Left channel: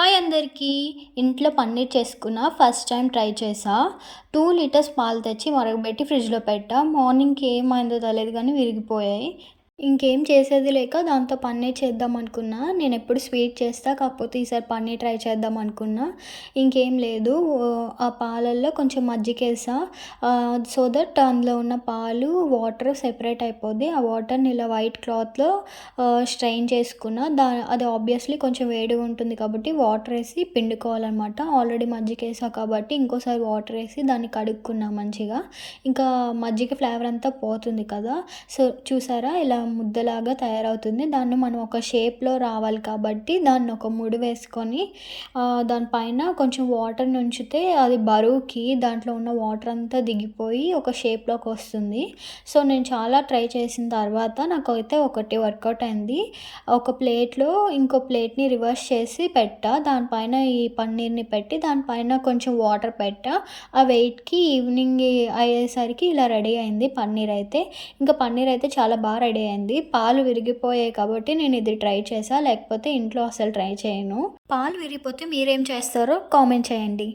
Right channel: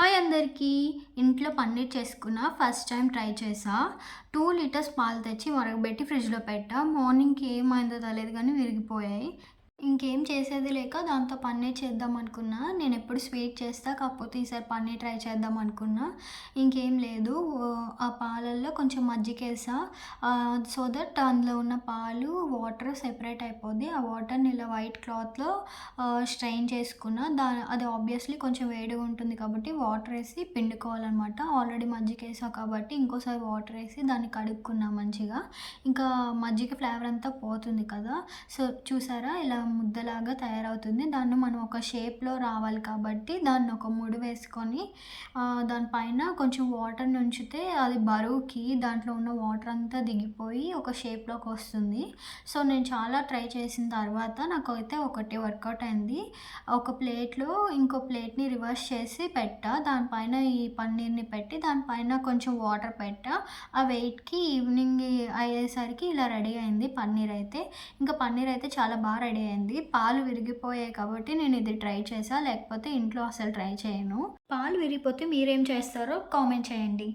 Hi అందరికీ! ఇంట్లో పన్నీర్ చేసుకున్నా. ఫస్ట్ టైం ట్రై చేశా. 2 లీటర్స్ పాలు తెచ్చి మరగబెట్టి ఫ్రిడ్జ్‌లో పెట్టా. మార్నింగ్‌కి ఏమైందో తెలీదు గానీ విరిగిపోయాయి. ఇంకేం చేసేది లేక దాంతో పన్నీర్ చేద్దాం అనుకున్నా. నేనెప్పుడు స్వీట్ చేస్తా. కాకపోతే ఈసారి పన్నీర్ ట్రై చేద్దాం అనుకున్నా. ఇంకేం లేదు. ఆ పాలల్లో కొంచెం మజ్జిగేసా. సో దట్ అందులో ఉన్న పాలు, వాటర్ సెపరేట్ అయిపోద్ది. ఆ వాటర్‌ని ఇలా వైట్ క్లాత్‌లో స్ట్రెయిన్ చేసుకున్నా. అది ఆబ్వియస్‌లీ కొంచెం వేడిగా ఉంటుంది కాబట్టి వాటరేసి పిండుకోవాలనమాట. ఆల్రెడీ మజ్జిగేసా కాబట్టి ఇంకోసారి వాటరేసి దాన్ని కడుక్కున్నా మంచిగా. ఇంకా మజ్జిగ ఫ్లేవర్ అంతా పోతుంది కదా! సో, చూసారా ఇలా ముద్దలాగా తయారవుతుంది. దాన్ని మనం ఒక షేప్‌లో రావాలి కాబట్టి దాన్ని ఒక ముడి వేసుకొని దానిపైన కొంచెం వాటర్‌ని ఉంచితే అది బరువుకి దాంట్లో ఉన్న వాటర్ అంతా దిగిపోయి ఒక షేప్‌లోకొస్తుంది. సో, నేను చాలా ట్రై చేసిన తర్వాత నాకైతే ఒకటి వర్కౌట్ అయింది. ఒక ప్లేట్‌లో ఇంకో ప్లేట్‌ని రివర్స్ చేసి పెట్టా. దానిపైన ఈ పన్నీర్‌ని పెట్టి దానిపైన కొంచెం వాటర్ పెట్టా. ఆ వెయిట్‌కి ఈవినింగ్ అయ్యేసరికి ఇలా రెడీ అయింది పన్నీర్ అయితే. ఇంకా పన్నీర్ అయితే చాలా రెడీ అయింది. పాలు విరిగిపోయాయి కాబట్టి నేను ఇది ట్రై చేశా. లేకపోతే ఇంట్లో అసలు ట్రై చేయను. పాలు విరిగిపోతే మీరేం చేస్తారో కామెంట్ చేయండి.